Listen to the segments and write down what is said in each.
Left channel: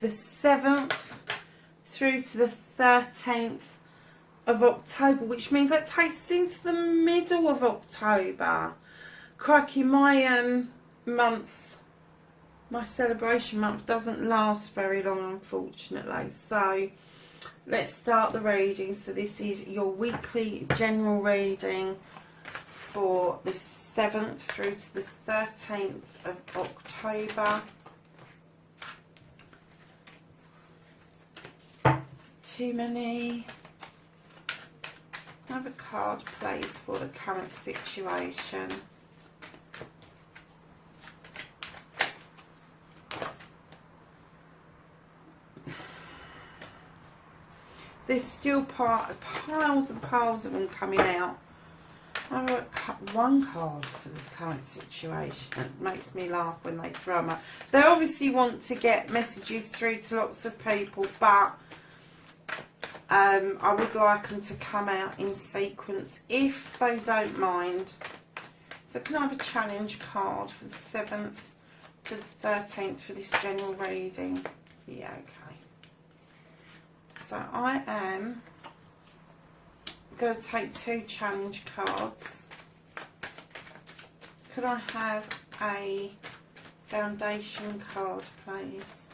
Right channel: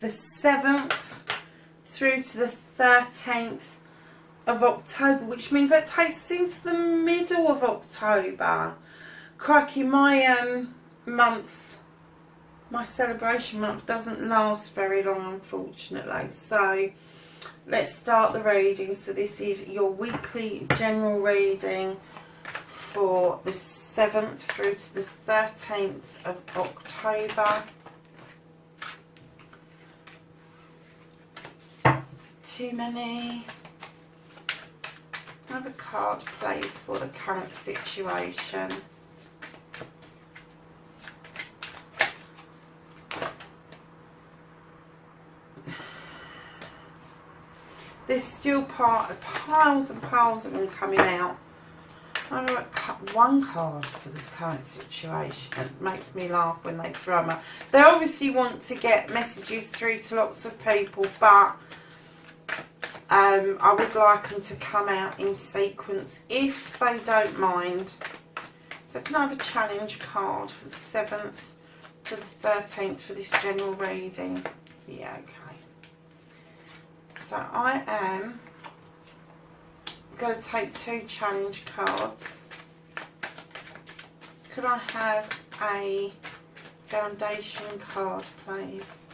The 7th through to the 13th of October, which means that takes us into the middle of October. Crikey, my my celebration month doesn't last very long, unfortunately. So let's start the reading. So this is your weekly general reading for the 7th through to the 13th of October. Too many. Another card, please, for the current situation. There's still piles and piles of them coming out. I'm going to cut one card for this current situation. It makes me laugh when they throw them out. They obviously want to get messages through to lots of people, but I would like them to come out in sequence if they don't mind. So can I have a challenge card for the 7th to the 13th for this general reading? Yeah, okay. So I am going to take 2 challenge cards. Could I have a foundation card, please?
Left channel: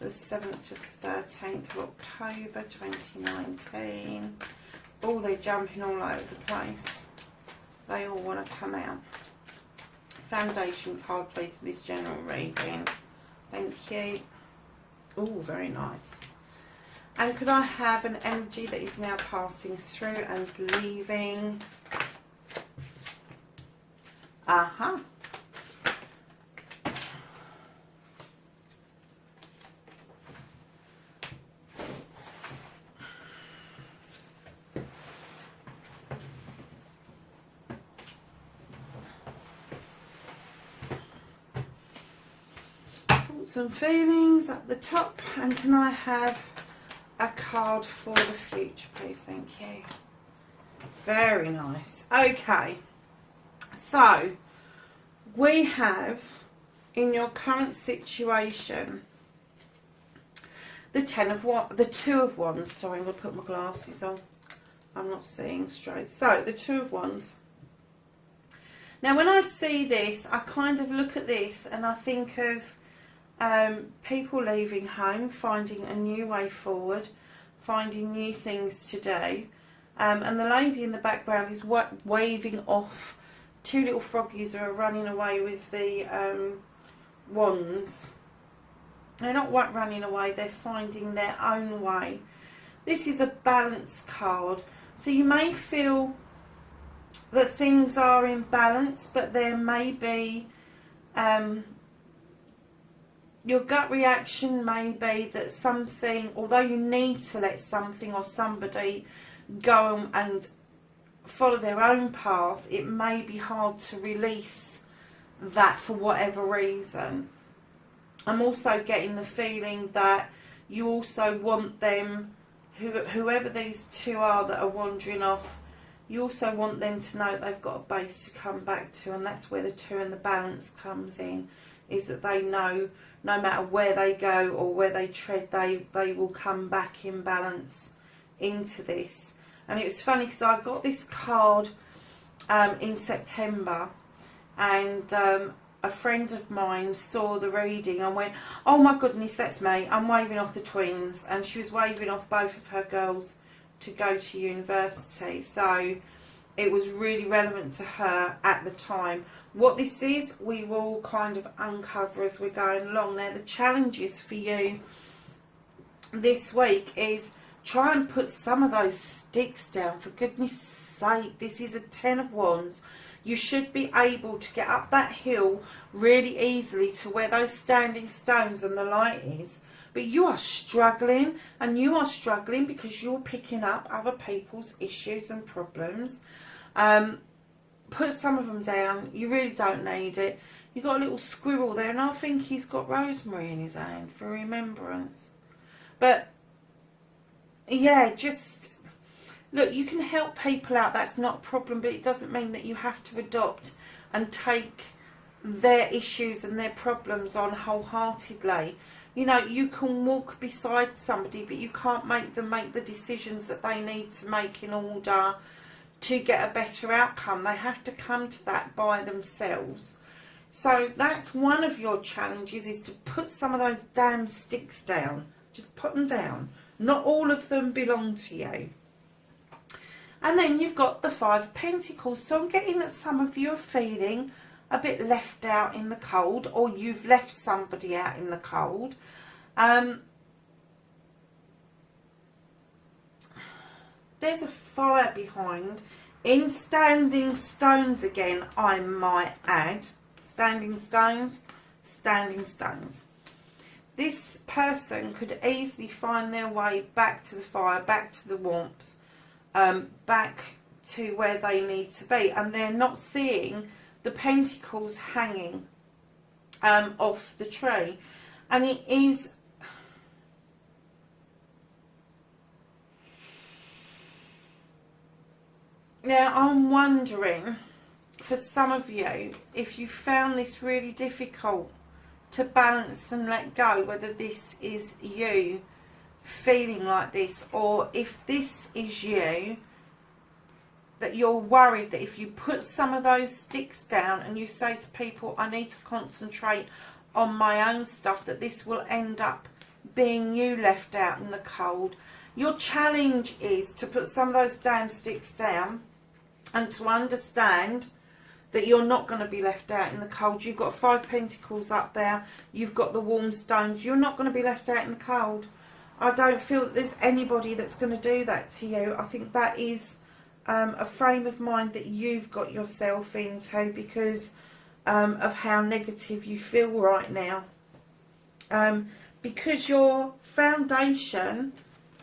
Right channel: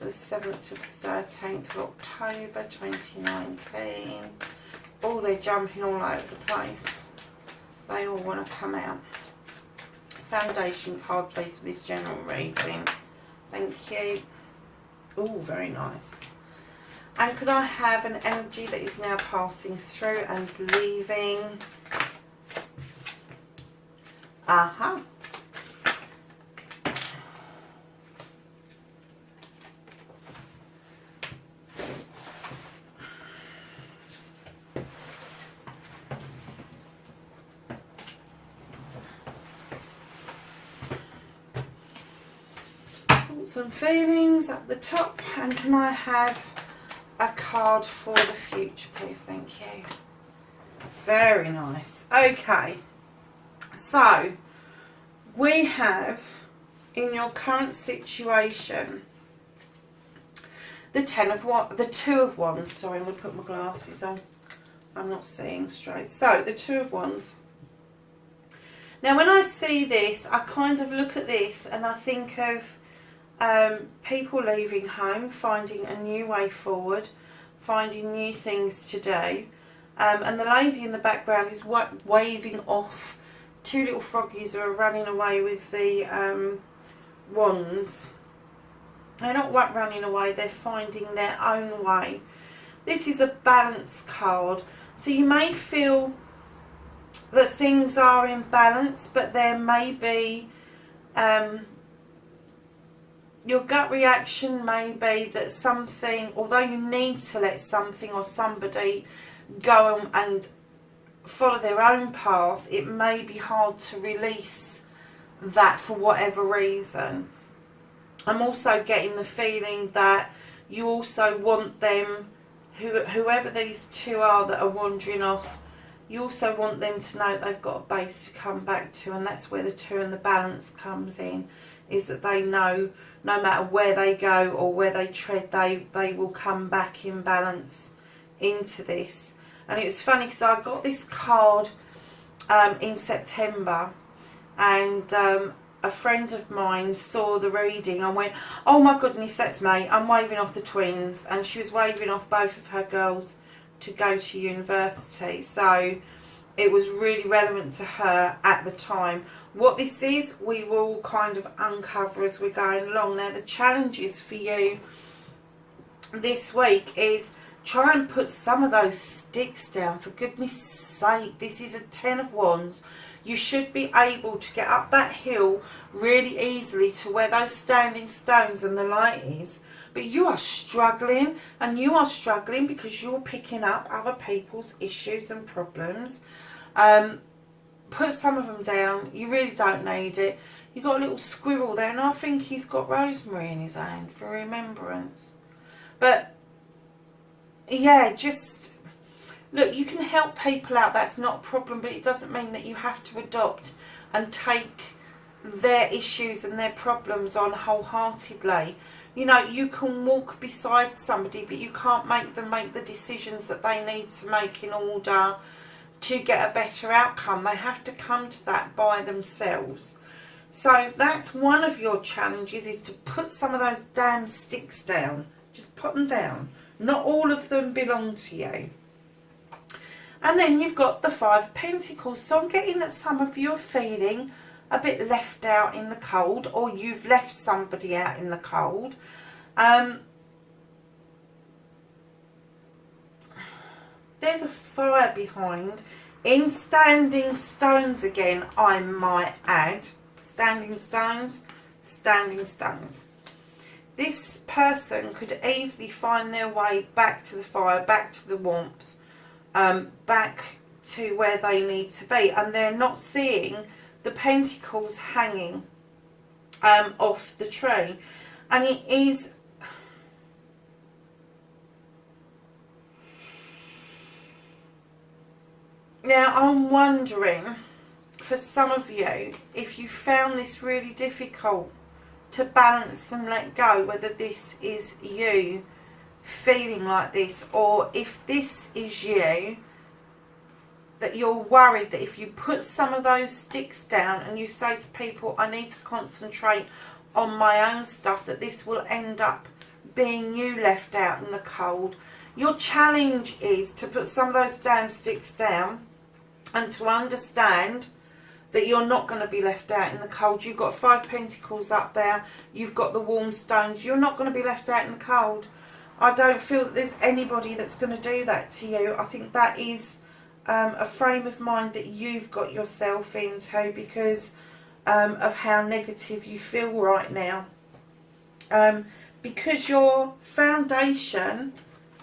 The 7th to the 13th of October 2019. Oh, they're jumping all over the place. They all want to come out. Foundation card, please, for this general reading. Thank you. Oh, very nice. And could I have an energy that is now passing through and leaving? Uh-huh. Thoughts and feelings at the top. And can I have a card for the future, please? Thank you. Very nice. Okay, so we have in your current situation the 2 of Wands. Sorry, I'm going to put my glasses on. I'm not seeing straight. So the 2 of Wands. Now, when I see this, I kind of look at this and I think of people leaving home, finding a new way forward, finding new things to do. And the lady in the background is waving off 2 little froggies who are running away with the wands. They're not running away, they're finding their own way. This is a balance card. So you may feel that things are in balance, but there may be your gut reaction may be that something, although you need to let something or somebody go and follow their own path, it may be hard to release that for whatever reason. I'm also getting the feeling that you also want them, whoever these 2 are that are wandering off, you also want them to know they've got a base to come back to, and that's where the 2 and the balance comes in, is that they know no matter where they go or where they tread, they will come back in balance into this. And it was funny because I got this card in September, and a friend of mine saw the reading and went, oh my goodness, that's me, I'm waving off the twins. And she was waving off both of her girls to go to university, so it was really relevant to her at the time. What this is, we will kind of uncover as we're going along. Now, the challenges for you this week is try and put some of those sticks down, for goodness sake. This is a 10 of Wands. You should be able to get up that hill really easily to where those standing stones and the light is, but you are struggling, and you are struggling because you're picking up other people's issues and problems. Put some of them down. You really don't need it. You've got a little squirrel there, and I think he's got rosemary in his hand for remembrance. But yeah, just look, you can help people out, that's not a problem, but it doesn't mean that you have to adopt and take their issues and their problems on wholeheartedly. You know, you can walk beside somebody, but you can't make them make the decisions that they need to make in order to get a better outcome. They have to come to that by themselves. So that's one of your challenges, is to put some of those damn sticks down. Just put them down. Not all of them belong to you. And then you've got the Five of Pentacles. So I'm getting that some of you are feeling a bit left out in the cold, or you've left somebody out in the cold. There's a fire behind. In standing stones again, I might add. Standing stones, standing stones. This person could easily find their way back to the fire, back to the warmth, back to where they need to be. And they're not seeing the pentacles hanging off the tree. And it is... Now, I'm wondering, for some of you, if you found this really difficult to balance and let go, whether this is you feeling like this, or if this is you, that you're worried that if you put some of those sticks down and you say to people, I need to concentrate on my own stuff, that this will end up being you left out in the cold. Your challenge is to put some of those damn sticks down and to understand that you're not going to be left out in the cold. You've got Five Pentacles up there. You've got the warm stones. You're not going to be left out in the cold. I don't feel that there's anybody that's going to do that to you. I think that is a frame of mind that you've got yourself into because of how negative you feel right now. Because your foundation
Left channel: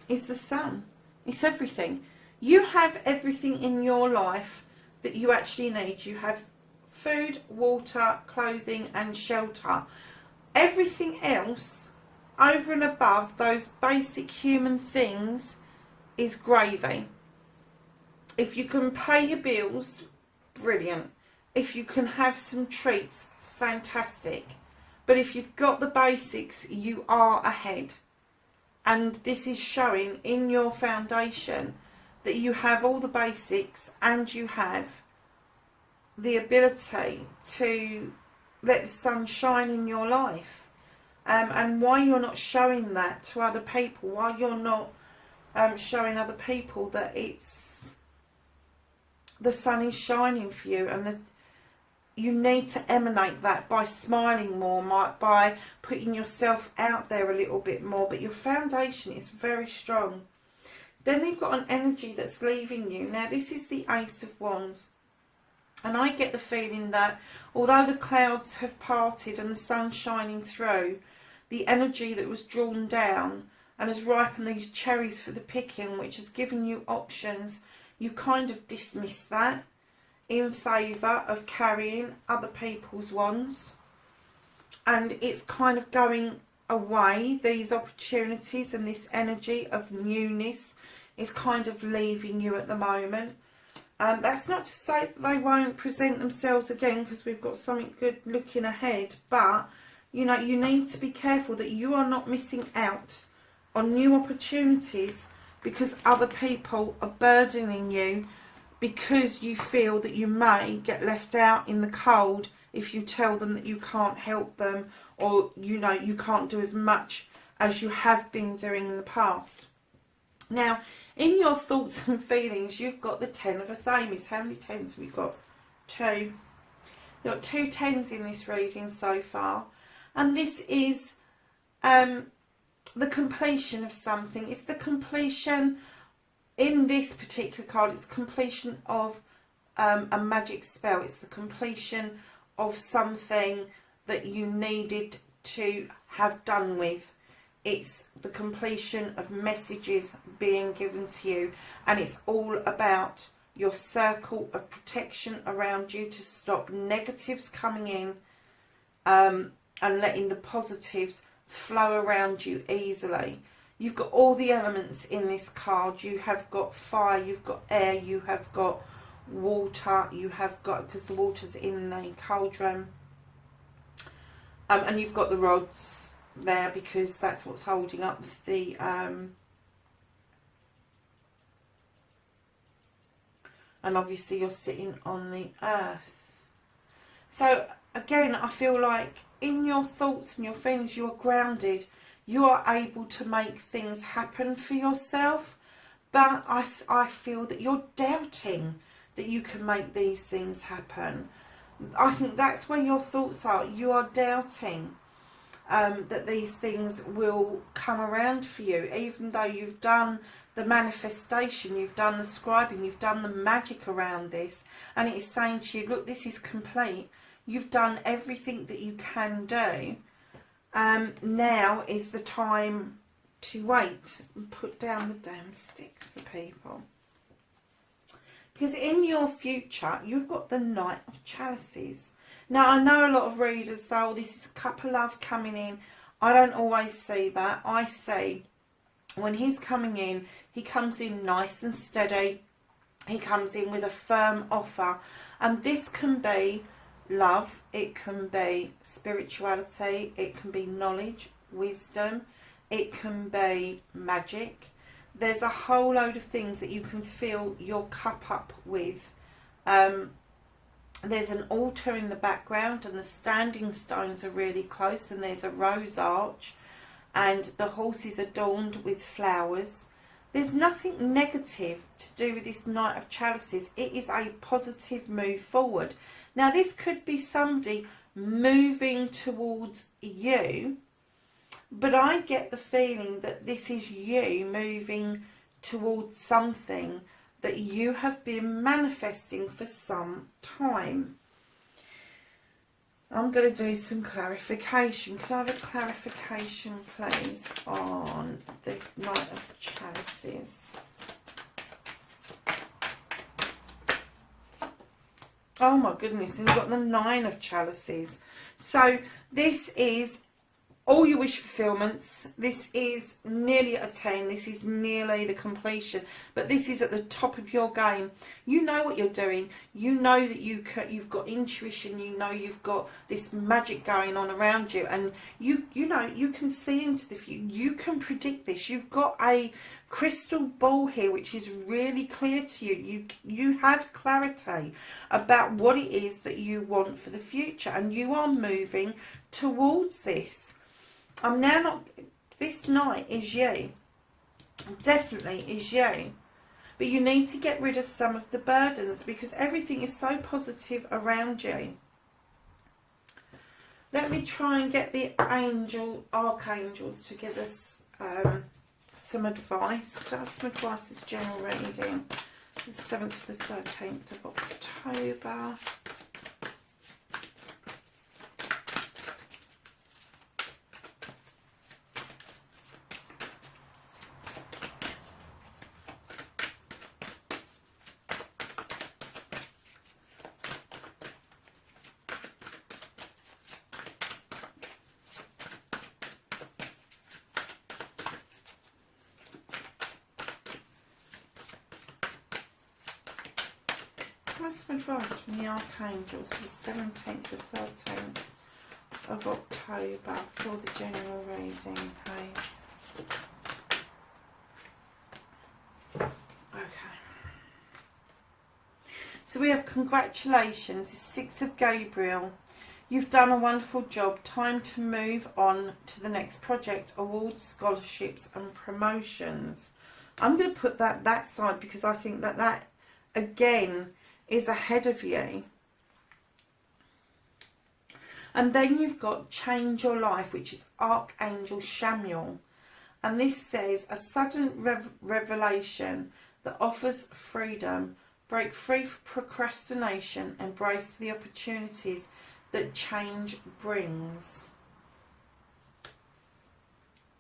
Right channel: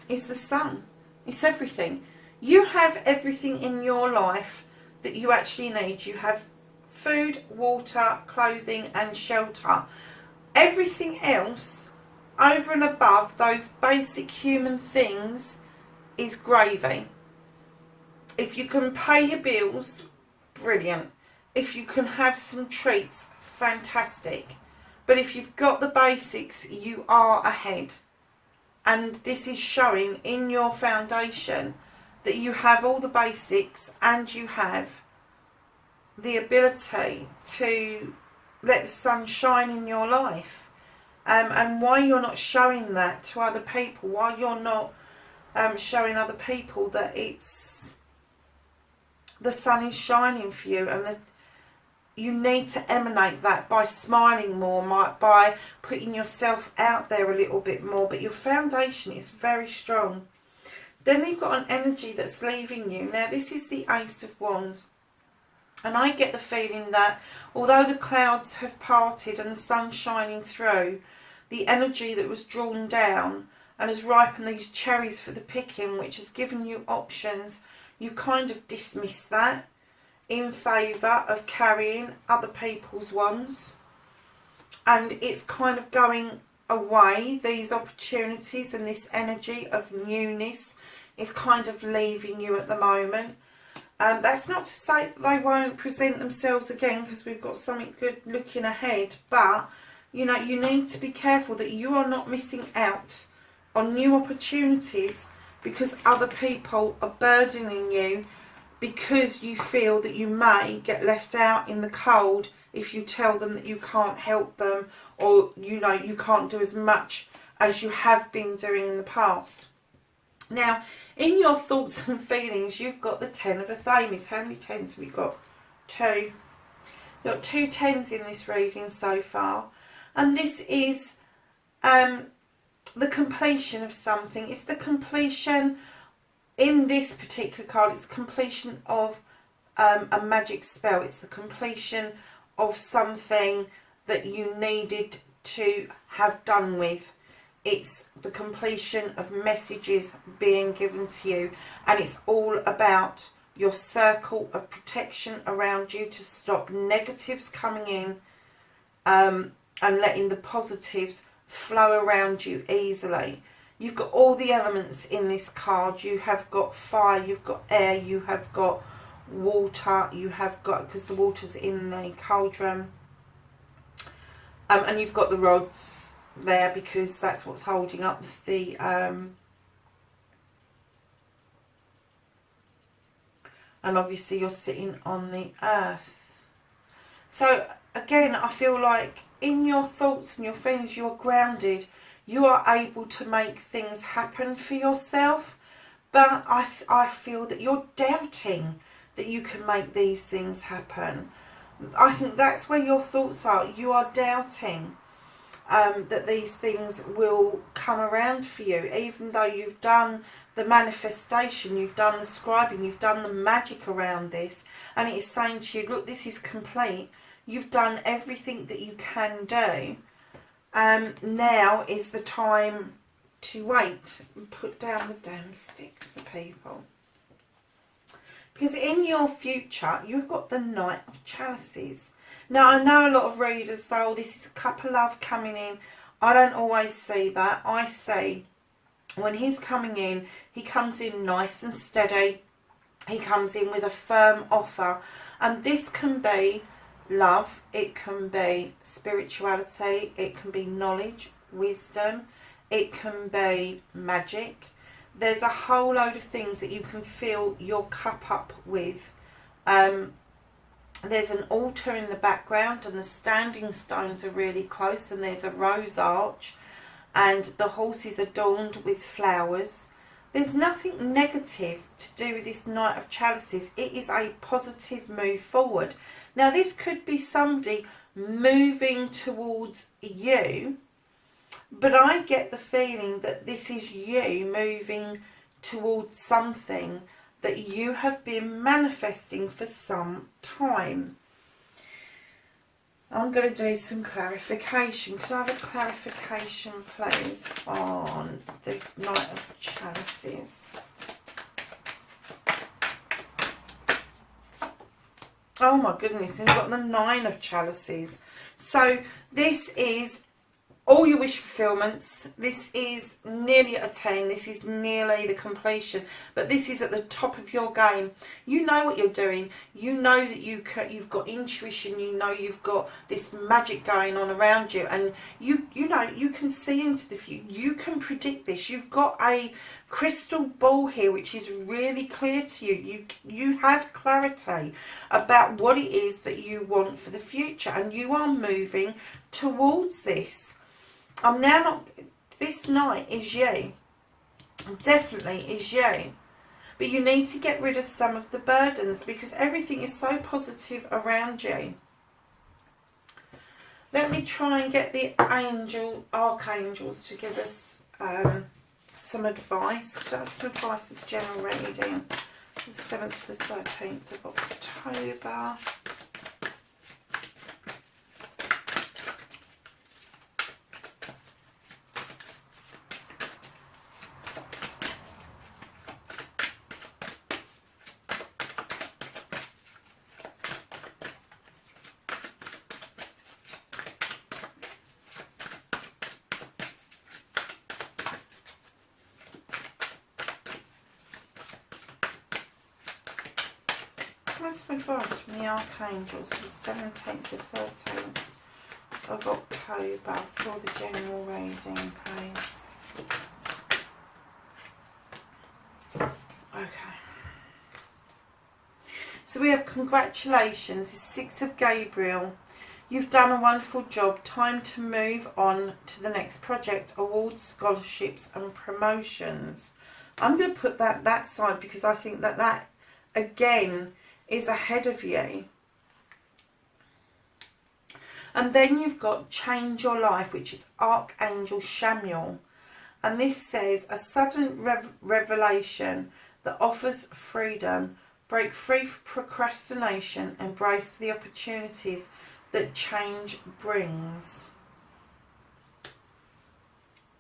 is the sun. It's everything. You have everything in your life that you actually need. You have food, water, clothing and shelter. Everything else over and above those basic human things is gravy. If you can pay your bills, brilliant. If you can have some treats, fantastic. But if you've got the basics, you are ahead. And this is showing in your foundation that you have all the basics and you have the ability to let the sun shine in your life. And why you're not showing that to other people, why you're not showing other people that it's the sun is shining for you, and that you need to emanate that by smiling more, by putting yourself out there a little bit more. But your foundation is very strong. Then you've got an energy that's leaving you. Now this is the Ace of Wands. And I get the feeling that although the clouds have parted and the sun's shining through, the energy that was drawn down and has ripened these cherries for the picking, which has given you options, you kind of dismiss that in favour of carrying other people's wands. And it's kind of going away. These opportunities and this energy of newness is kind of leaving you at the moment. That's not to say that they won't present themselves again, because we've got something good looking ahead. But, you know, you need to be careful that you are not missing out on new opportunities because other people are burdening you, because you feel that you may get left out in the cold if you tell them that you can't help them, or, you know, you can't do as much as you have been doing in the past. Now, in your thoughts and feelings, you've got the Ten of Athames. How many tens have we got? 2. You've got 2 tens in this reading so far. And this is the completion of something. It's the completion, in this particular card, it's completion of a magic spell. It's the completion of something that you needed to have done with. It's the completion of messages being given to you. And it's all about your circle of protection around you to stop negatives coming in and letting the positives flow around you easily. You've got all the elements in this card. You have got fire, you've got air, you have got water, you have got, because the water's in the cauldron, and you've got the rods there because that's what's holding up the and obviously you're sitting on the earth. So again, I feel like in your thoughts and your feelings, you are grounded. You are able to make things happen for yourself. But I feel that you're doubting that you can make these things happen. I think that's where your thoughts are. You are doubting that these things will come around for you, even though you've done the manifestation, you've done the scribing, you've done the magic around this, and it is saying to you, look, this is complete. You've done everything that you can do. Now is the time to wait and put down the damn sticks for people. Because in your future, you've got the Knight of Chalices. Now, I know a lot of readers say, oh, this is a couple of love coming in. I don't always see that. I see when he's coming in, he comes in nice and steady. He comes in with a firm offer. And this can be love, it can be spirituality, it can be knowledge, wisdom, it can be magic. There's a whole load of things that you can fill your cup up with. There's an altar in the background and the standing stones are really close, and there's a rose arch and the horse is adorned with flowers. There's nothing negative to do with this Knight of Chalices. It is a positive move forward. Now, this could be somebody moving towards you, but I get the feeling that this is you moving towards something that you have been manifesting for some time. I'm going to do some clarification. Could I have a clarification, please, on the Knight of Chalices? Oh my goodness, and you've got the Nine of Chalices. So this is all your wish fulfillments. This is nearly at a 10. This is nearly the completion. But this is at the top of your game. You know what you're doing. You know that you've got intuition. You know you've got this magic going on around you. And you know, you can see into the future. You can predict this. You've got a crystal ball here which is really clear to you. You have clarity about what it is that you want for the future. And you are moving towards this. I'm now not, this night is you, definitely is you, but you need to get rid of some of the burdens because everything is so positive around you. Let me try and get the archangels to give us some advice. Could I have some advice as general reading, the 7th to the 13th of October. What's some advice from the archangels for the 17th to 13th of October for the general reading, please? Okay. So we have congratulations, the 6th of Gabriel. You've done a wonderful job. Time to move on to the next project, awards, scholarships and promotions. I'm going to put that side because I think that again is ahead of you. And then you've got change your life, which is Archangel Samuel. And this says a sudden revelation that offers freedom. Break free from procrastination. Embrace the opportunities that change brings.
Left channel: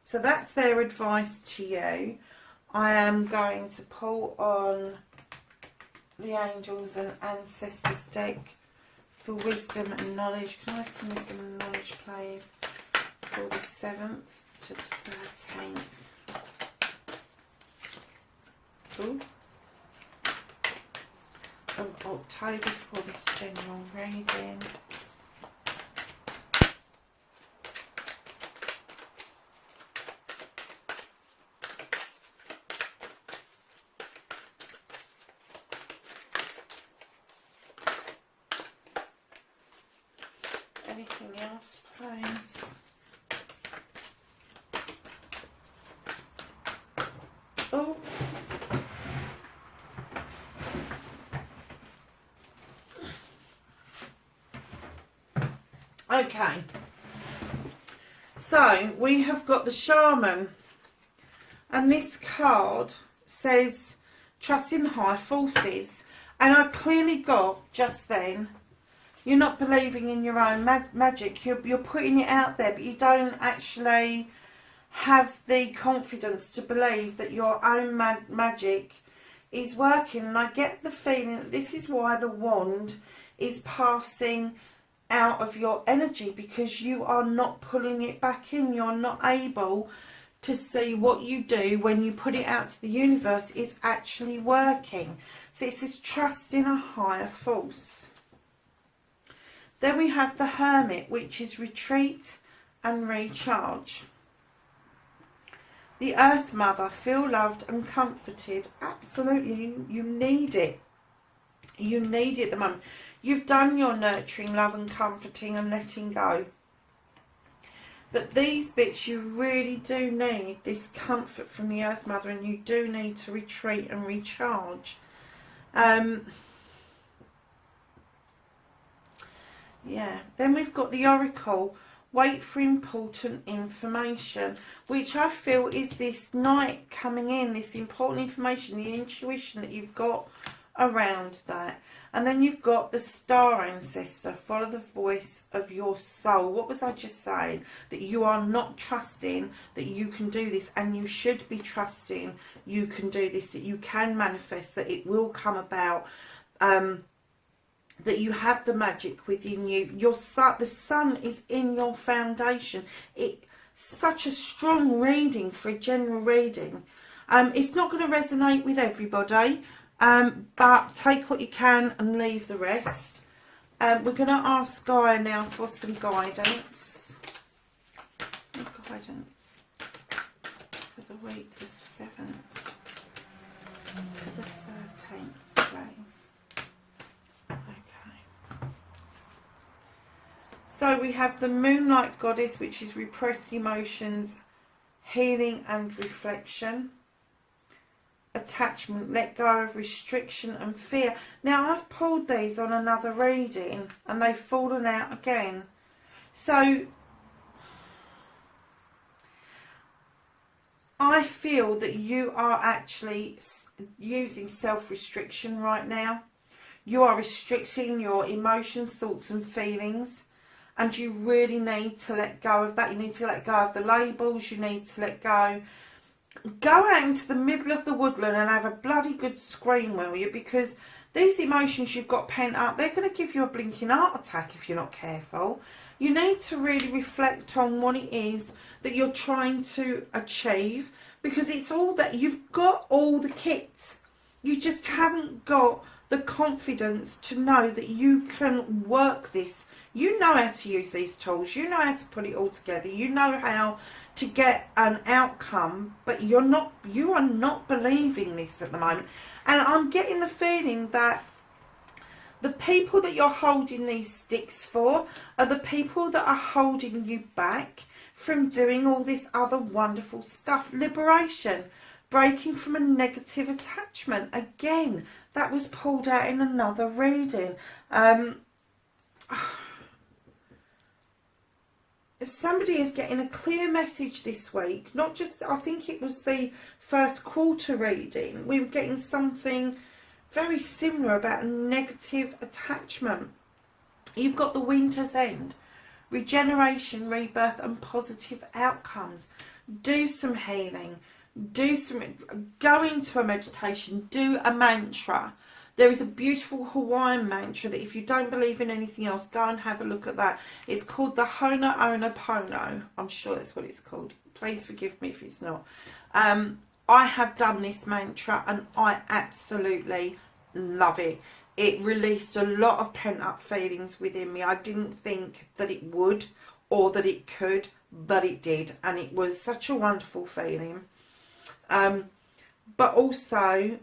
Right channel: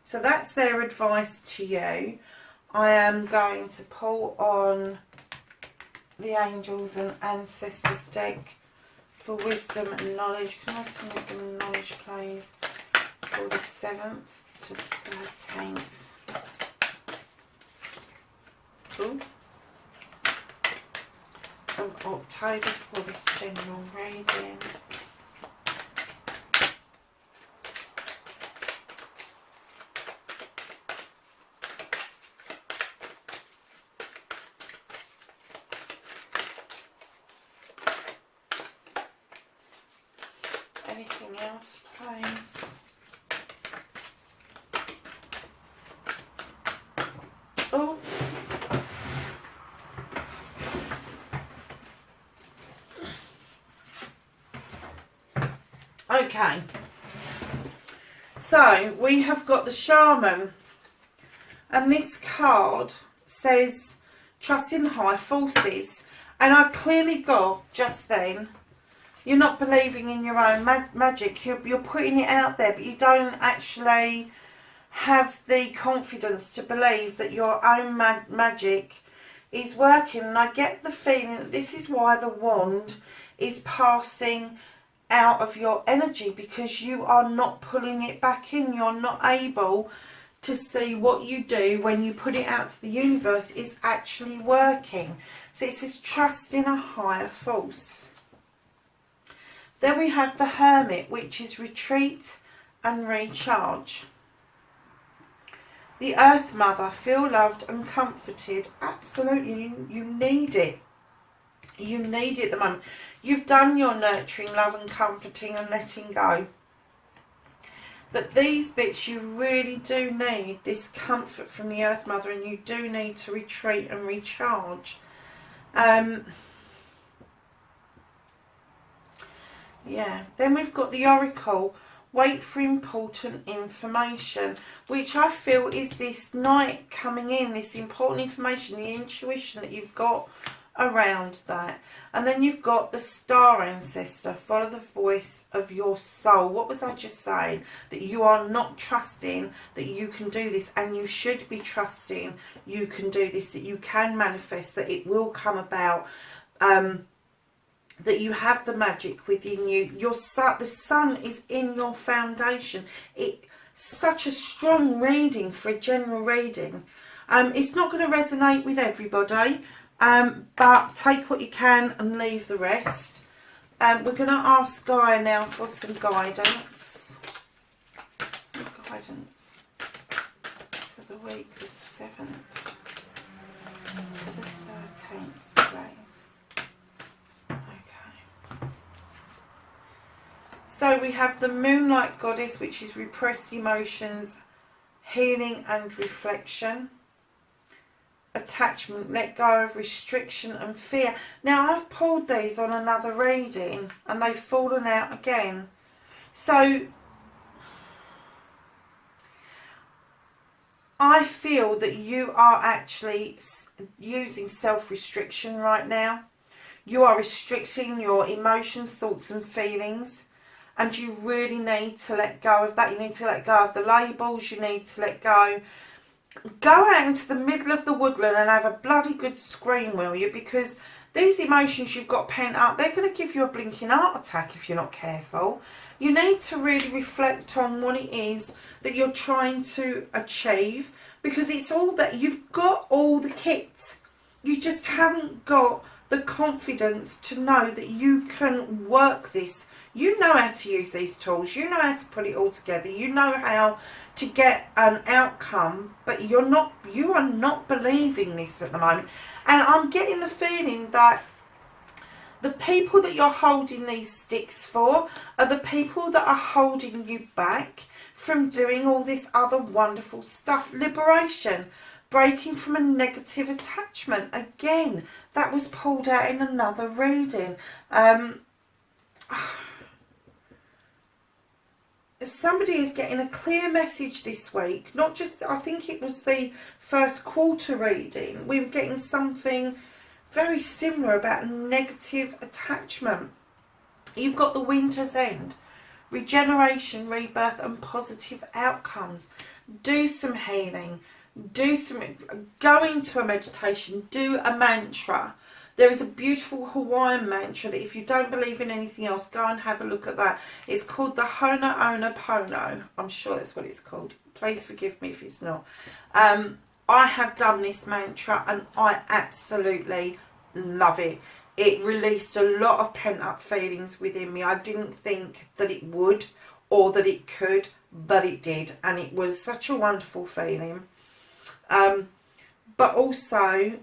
So that's their advice to you. I am going to pull on the Angels and Ancestors deck for wisdom and knowledge. Can I have some wisdom and knowledge, please, for the 7th to 13th? of October for this general reading. Anything else, please? Oh. Okay. So, we have got the Shaman. And this card says, trust in the higher forces. And I clearly got, just then, you're not believing in your own magic. You're putting it out there, but you don't actually have the confidence to believe that your own magic is working. And I get the feeling that this is why the wand is passing out of your energy, because you are not pulling it back in. You're not able to see what you do when you put it out to the universe is actually working. So it says trust in a higher force. Then we have the Hermit, which is retreat and recharge. The Earth Mother, feel loved and comforted. Absolutely, you need it. You need it at the moment. You've done your nurturing, love and comforting and letting go. But these bits, you really do need this comfort from the Earth Mother, and you do need to retreat and recharge. Yeah, then we've got the Oracle, wait for important information, which I feel is this night coming in, this important information, the intuition that you've got around that. And then you've got the Star Ancestor, follow the voice of your soul. What was I just saying? That you are not trusting that you can do this, and you should be trusting you can do this, that you can manifest, that it will come about, that you have the magic within you. Your sun, the sun is in your foundation. It's such a strong reading for a general reading. It's not going to resonate with everybody, but take what you can and leave the rest. We're going to ask Gaia now for some guidance. Some guidance for the week the 7th to the 13th, please. So we have the Moonlight Goddess, which is repressed emotions, healing and reflection. Attachment, let go of restriction and fear. Now, I've pulled these on another reading and they've fallen out again. So, I feel that you are actually using self-restriction right now. You are restricting your emotions, thoughts and feelings. And you really need to let go of that. You need to let go of the labels. You need to let go. Go out into the middle of the woodland and have a bloody good scream, will you? Because these emotions you've got pent up, they're going to give you a blinking heart attack if you're not careful. You need to really reflect on what it is that you're trying to achieve. Because it's all that, you've got all the kit. You just haven't got the confidence to know that you can work this. You know how to use these tools. You know how to put it all together. You know how to get an outcome, but you are not believing this at the moment. And I'm getting the feeling that the people that you're holding these sticks for are the people that are holding you back from doing all this other wonderful stuff. Liberation, breaking from a negative attachment. Again, that was pulled out in another reading. Somebody is getting a clear message this week. Not just, I think it was the first quarter reading. We were getting something very similar about a negative attachment. You've got the Winter's End. Regeneration, rebirth and positive outcomes. Do some healing. Go into a meditation. Do a mantra. There is a beautiful Hawaiian mantra that if you don't believe in anything else, go and have a look at that. It's called the Ho'oponopono. I'm sure that's what it's called. Please forgive me if it's not. I have done this mantra and I absolutely love it. It released a lot of pent-up feelings within me. I didn't think that it would or that it could, but it did. And it was such a wonderful feeling. But also,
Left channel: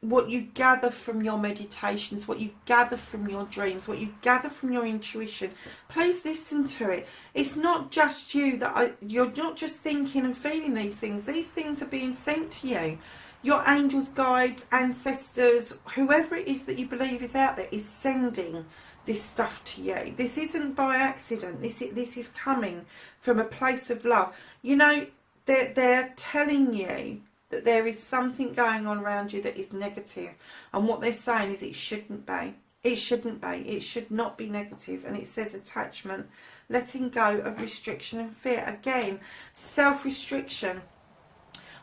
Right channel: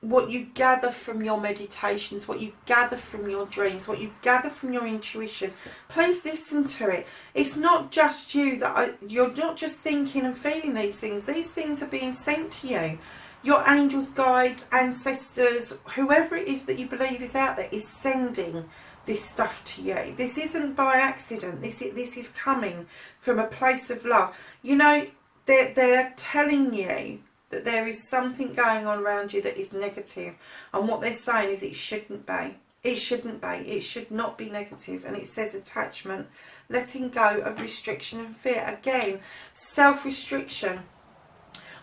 what you gather from your meditations, what you gather from your dreams, what you gather from your intuition, please listen to it. It's not just you you're not just thinking and feeling these things. These things are being sent to you. Your angels, guides, ancestors, whoever it is that you believe is out there is sending this stuff to you. This isn't by accident. This is coming from a place of love. You know, they're telling you that there is something going on around you that is negative, and what they're saying is it shouldn't be. It shouldn't be. It should not be negative. And it says attachment, letting go of restriction and fear. Again, self-restriction.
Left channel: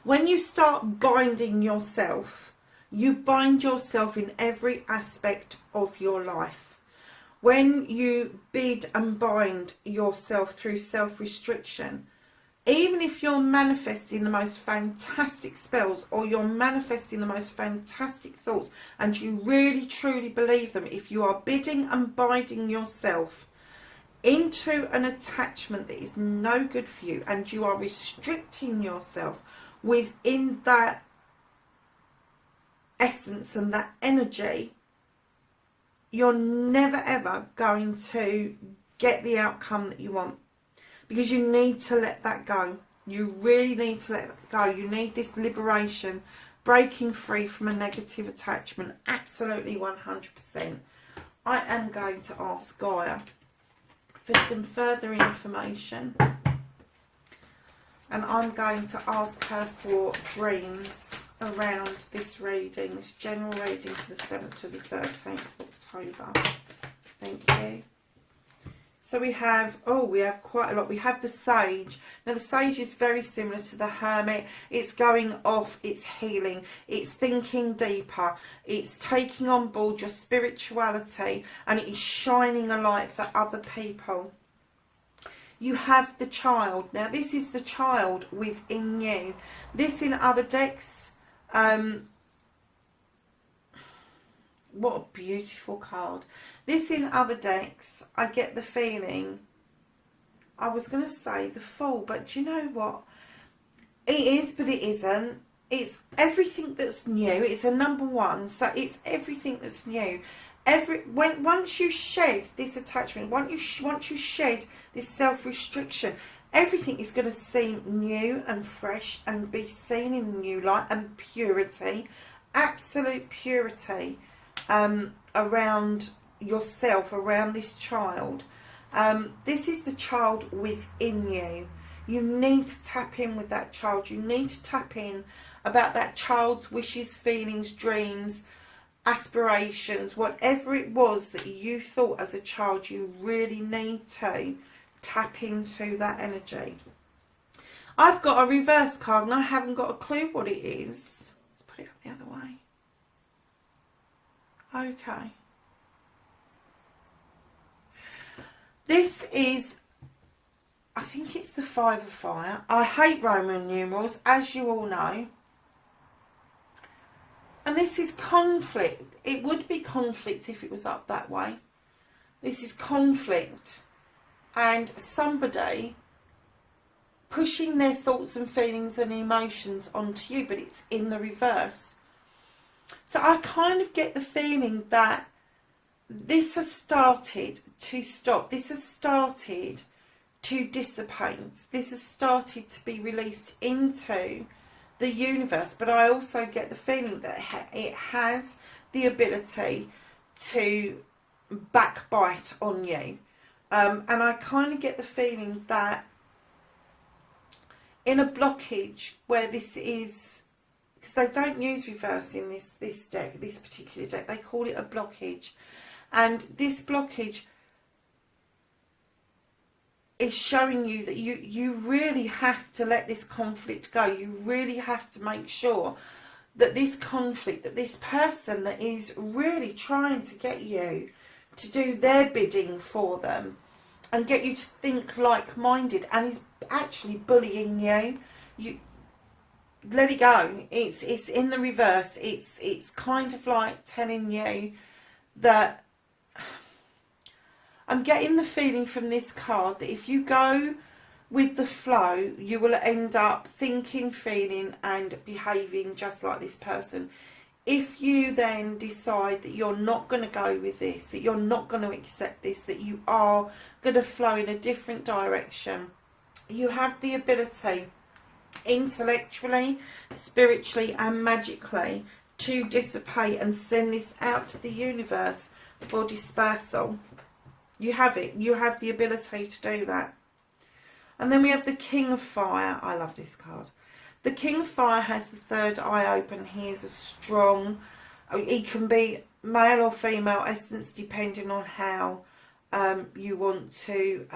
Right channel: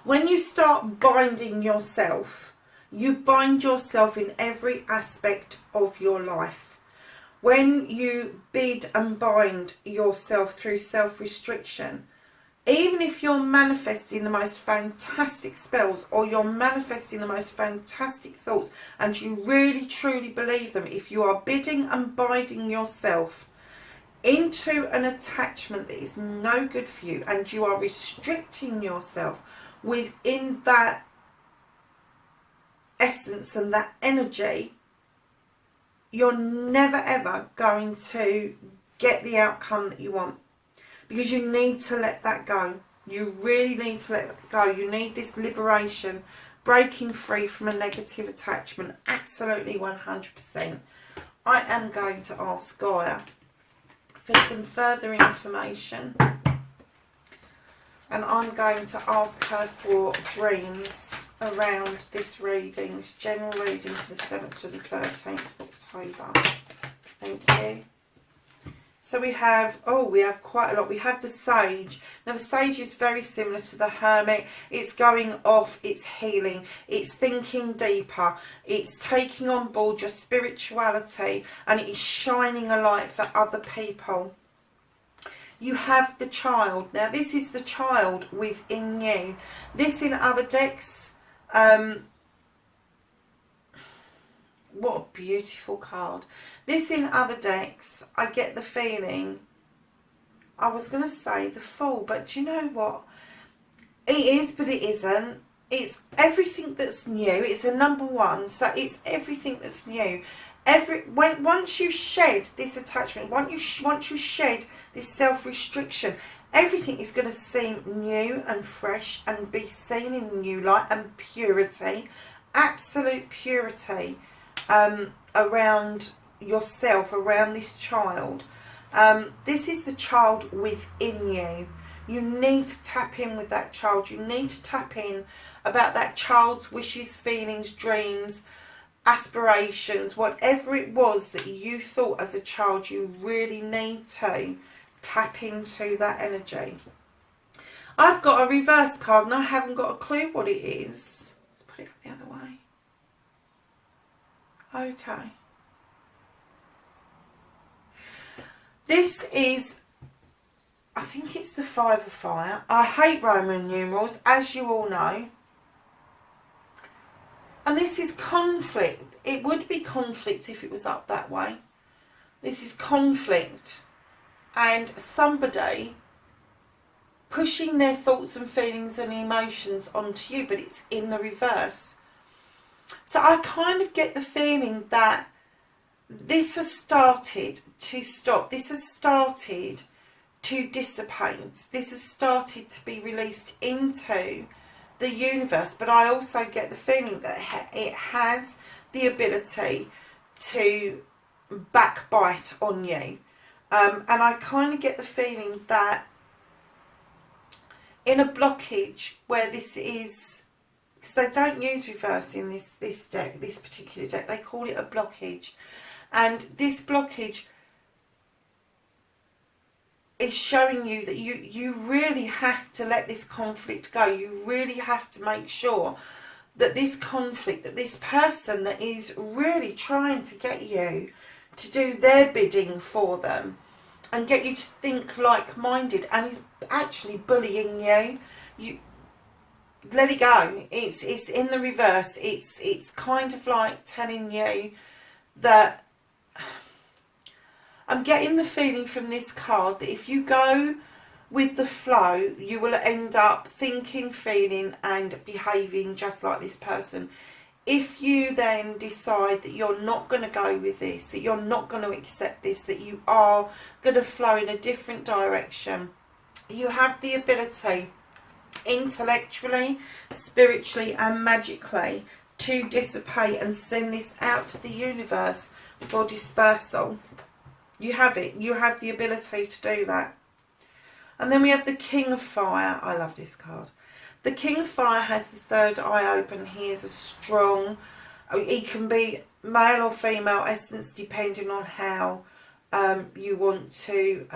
When you start binding yourself, you bind yourself in every aspect of your life. When you bid and bind yourself through self-restriction, even if you're manifesting the most fantastic spells or you're manifesting the most fantastic thoughts and you really truly believe them, if you are bidding and binding yourself into an attachment that is no good for you and you are restricting yourself within that essence and that energy, you're never ever going to get the outcome that you want. Because you need to let that go. You really need to let that go. You need this liberation, breaking free from a negative attachment. Absolutely 100%. I am going to ask Gaia for some further information. And I'm going to ask her for dreams around this reading, this general reading for the 7th to the 13th of October. Thank you. So we have quite a lot. We have the Sage. Now the Sage is very similar to the Hermit. It's going off, it's healing, it's thinking deeper, it's taking on board your spirituality, and it is shining a light for other people. You have the Child. Now this is the child within you. This in other decks, what a beautiful card. This in other decks, I get the feeling, I was going to say the Fool, but do you know what? It is, but it isn't. It's everything that's new. It's a number one, so it's everything that's new. Once you shed this attachment, once you shed this self-restriction, everything is going to seem new and fresh and be seen in new light and purity, absolute purity around yourself, around this child. This is the child within you. You need to tap in with that child. You need to tap in about that child's wishes, feelings, dreams, aspirations, whatever it was that you thought as a child. You really need to tap into that energy. I've got a reverse card and I haven't got a clue what it is. Let's put it up the other way. Okay. This is, I think it's the Five of Fire. I hate Roman numerals, as you all know. And this is conflict. It would be conflict if it was up that way. This is conflict. And somebody pushing their thoughts and feelings and emotions onto you, but it's in the reverse. So I kind of get the feeling that this has started to stop. This has started to dissipate. This has started to be released into the universe. But I also get the feeling that it has the ability to backbite on you. And I kind of get the feeling that in a blockage where this is, because they don't use reverse in this deck, this particular deck, they call it a blockage. And this blockage is showing you that you really have to let this conflict go. You really have to make sure that this conflict, that this person that is really trying to get you to do their bidding for them and get you to think like-minded and is actually bullying you, let it go. It's in the reverse. It's kind of like telling you that I'm getting the feeling from this card that if you go with the flow, you will end up thinking, feeling and behaving just like this person. If you then decide that you're not going to go with this, that you're not going to accept this, that you are going to flow in a different direction, you have the ability intellectually, spiritually and magically to dissipate and send this out to the universe for dispersal. You have it. You have the ability to do that. And then we have the King of Fire. I love this card. The King of Fire has the third eye open. He is a strong, he can be male or female essence depending on how you want to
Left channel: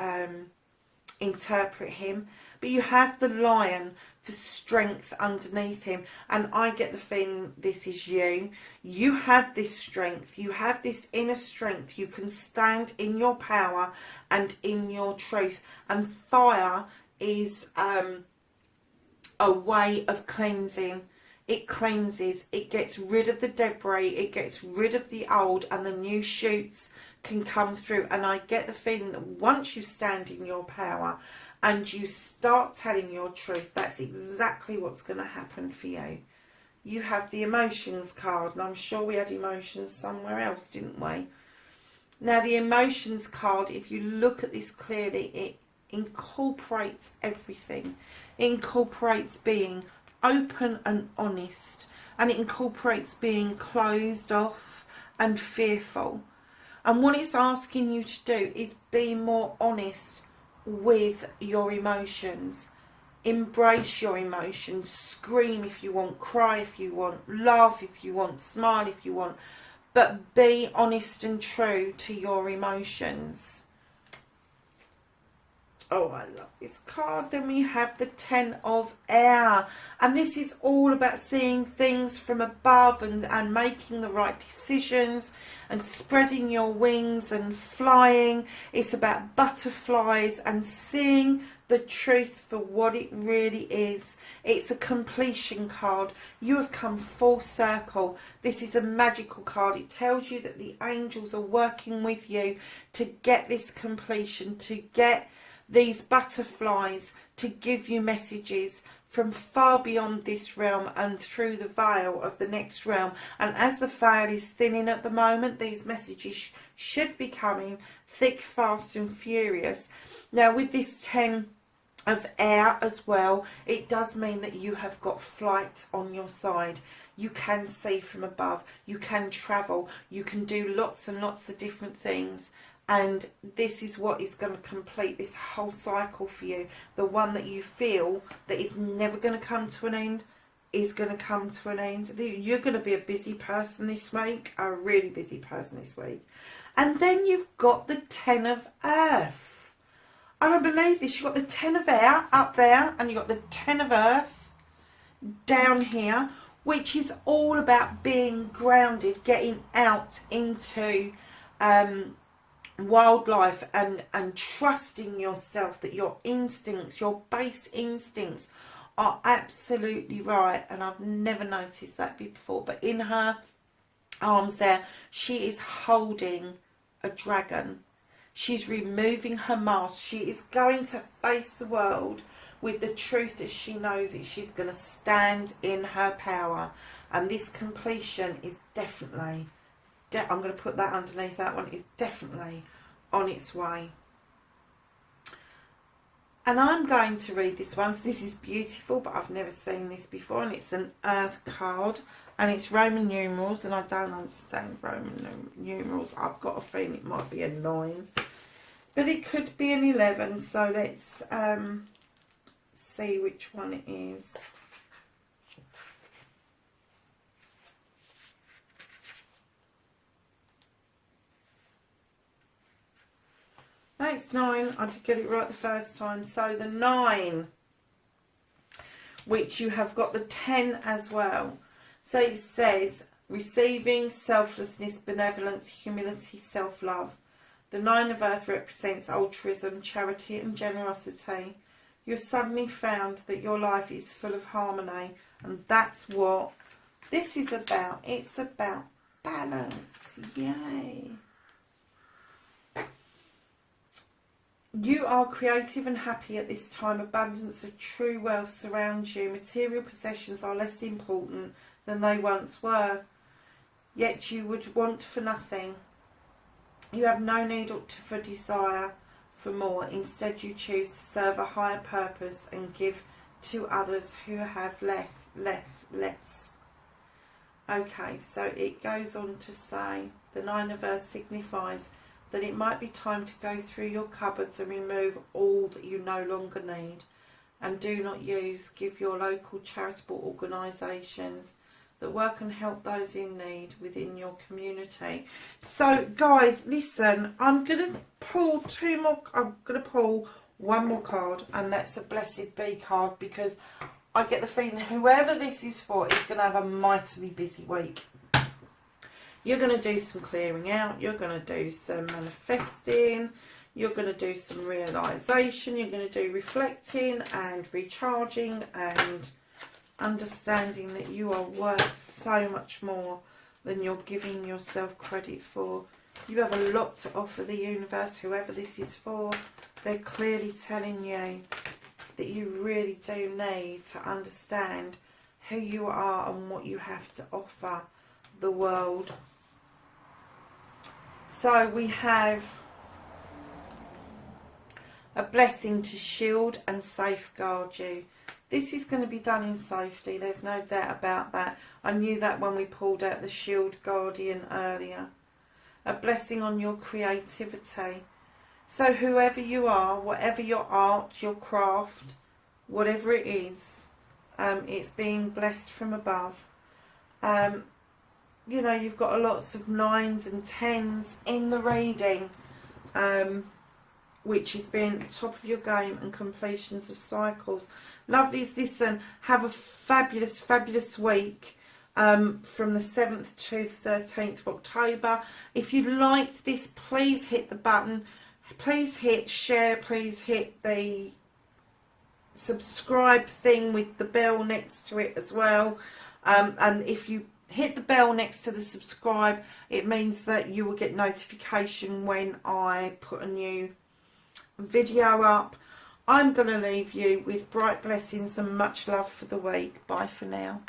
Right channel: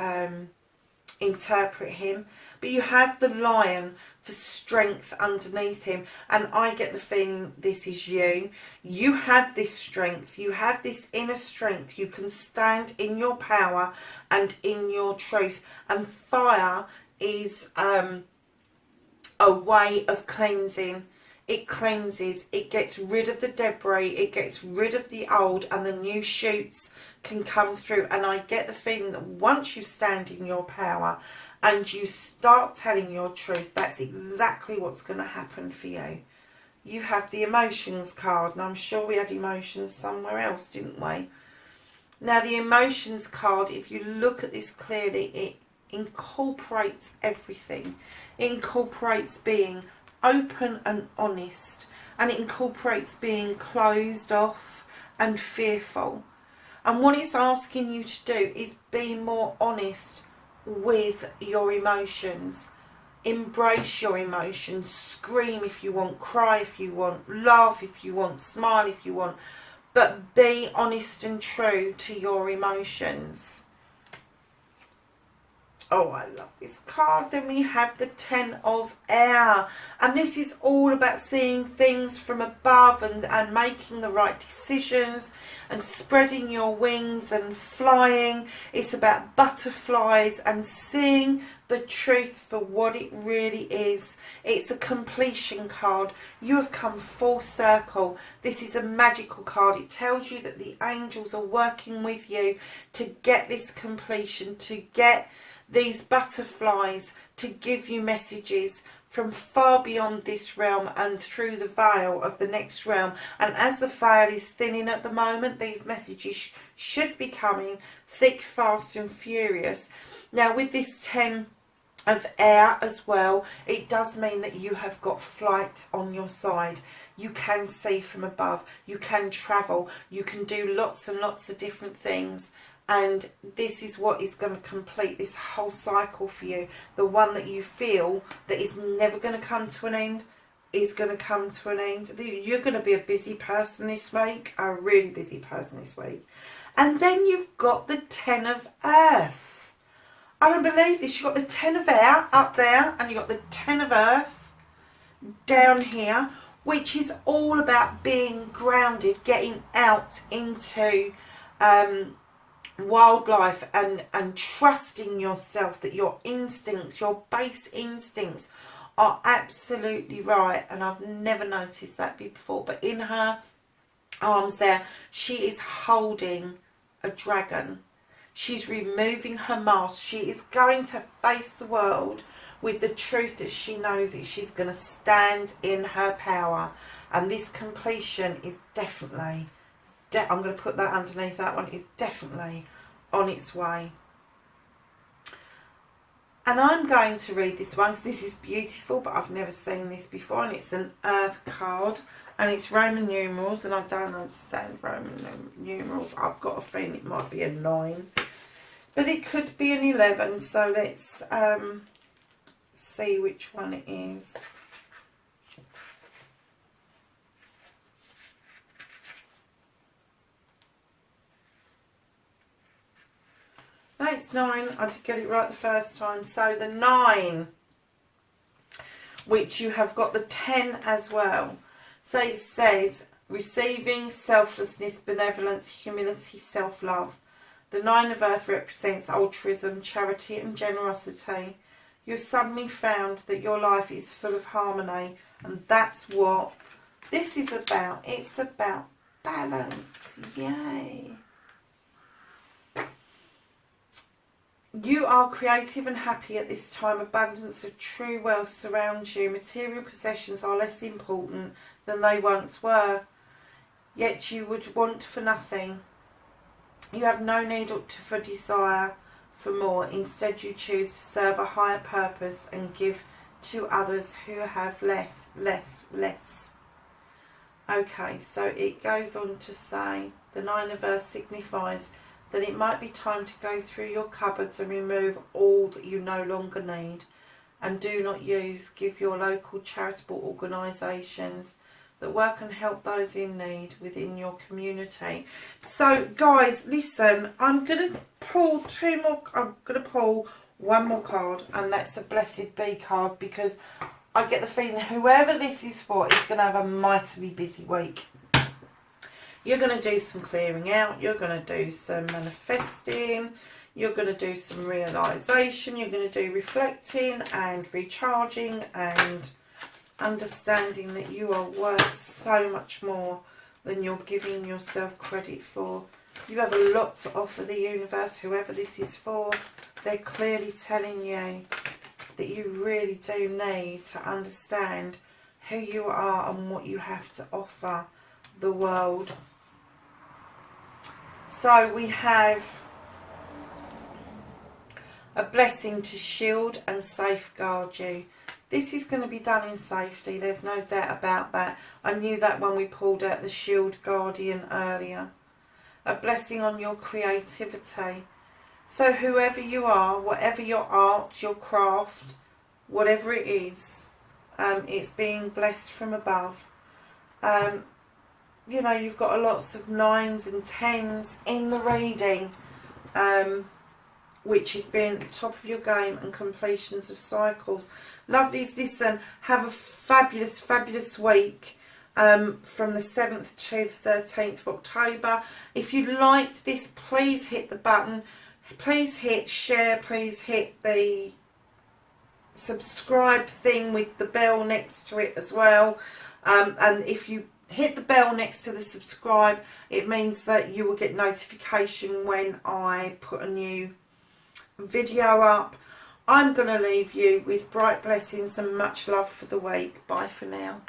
interpret him. But you have the Lion for strength underneath him. And I get the feeling this is you. You have this strength. You have this inner strength. You can stand in your power and in your truth. And fire is a way of cleansing. It cleanses. It gets rid of the debris. It gets rid of the old, and the new shoots can come through. And I get the feeling that once you stand in your power and you start telling your truth, that's exactly what's going to happen for you. You have the emotions card, and I'm sure we had emotions somewhere else, didn't we? Now the emotions card, if you look at this clearly, it incorporates everything. It incorporates being open and honest, and it incorporates being closed off and fearful. And what it's asking you to do is be more honest with your emotions. Embrace your emotions. Scream if you want, cry if you want, laugh if you want, smile if you want, but be honest and true to your emotions. Oh, I love this card. Then we have the Ten of Air. And this is all about seeing things from above and making the right decisions and spreading your wings and flying. It's about butterflies and seeing the truth for what it really is. It's a completion card. You have come full circle. This is a magical card. It tells you that the angels are working with you to get this completion, to get these butterflies, to give you messages from far beyond this realm and through the veil of the next realm. And as the veil is thinning at the moment, these messages should be coming thick, fast and furious. Now with this 10 of Air as well, it does mean that you have got flight on your side. You can see from above, you can travel, you can do lots and lots of different things. And this is what is going to complete this whole cycle for you. The one that you feel that is never going to come to an end is going to come to an end. You're going to be a busy person this week, a really busy person this week. And then you've got the 10 of Earth. I don't believe this. You've got the 10 of Air up there, and you've got the 10 of Earth down here, which is all about being grounded, getting out into wildlife and trusting yourself, that your instincts, your base instincts are absolutely right. And I've never noticed that before, but in her arms there, she is holding a dragon. She's removing her mask. She is going to face the world with the truth that she knows it. She's going to stand in her power, and this completion is definitely I'm going to put that underneath that one, is definitely on its way. And I'm going to read this one because this is beautiful, but I've never seen this before, and it's an Earth card, and it's Roman numerals, and I don't understand Roman numerals. I've got a feeling it might be a 9, but it could be an 11, so let's see which one it is. No, it's 9. I did get it right the first time. So the 9, which you have got the 10 as well. So it says receiving, selflessness, benevolence, humility, self-love. The 9 of Earth represents altruism, charity and generosity. you've suddenly found that your life is full of harmony. And that's what this is about. It's about balance. Yay. You are creative and happy at this time. Abundance of true wealth surrounds you. Material possessions are less important than they once were. Yet you would want for nothing. You have no need for desire for more. Instead, you choose to serve a higher purpose and give to others who have less. Okay, so it goes on to say, the 9 of Earth signifies that it might be time to go through your cupboards and remove all that you no longer need and do not use. Give your local charitable organisations that work and help those in need within your community. So guys, listen, I'm going to pull one more card, and that's a Blessed Bee card, because I get the feeling whoever this is for is going to have a mightily busy week. You're going to do some clearing out, you're going to do some manifesting, you're going to do some realisation, you're going to do reflecting and recharging and understanding that you are worth so much more than you're giving yourself credit for. You have a lot to offer the universe, whoever this is for. They're clearly telling you that you really do need to understand who you are and what you have to offer the world. So we have a blessing to shield and safeguard you. This is going to be done in safety. There's no doubt about that. I knew that when we pulled out the Shield Guardian earlier. A blessing on your creativity. So whoever you are, whatever your art, your craft, whatever it is, it's being blessed from above. You know, you've got lots of 9s and 10s in the reading, which is being at the top of your game, and completions of cycles. Lovelies, listen, have a fabulous, fabulous week from the 7th to the 13th of October. If you liked this, please hit the button. Please hit share. Please hit the subscribe thing with the bell next to it as well. And if you hit the bell next to the subscribe, it means that you will get notification when I put a new video up. I'm going to leave you with bright blessings and much love for the week. Bye for now.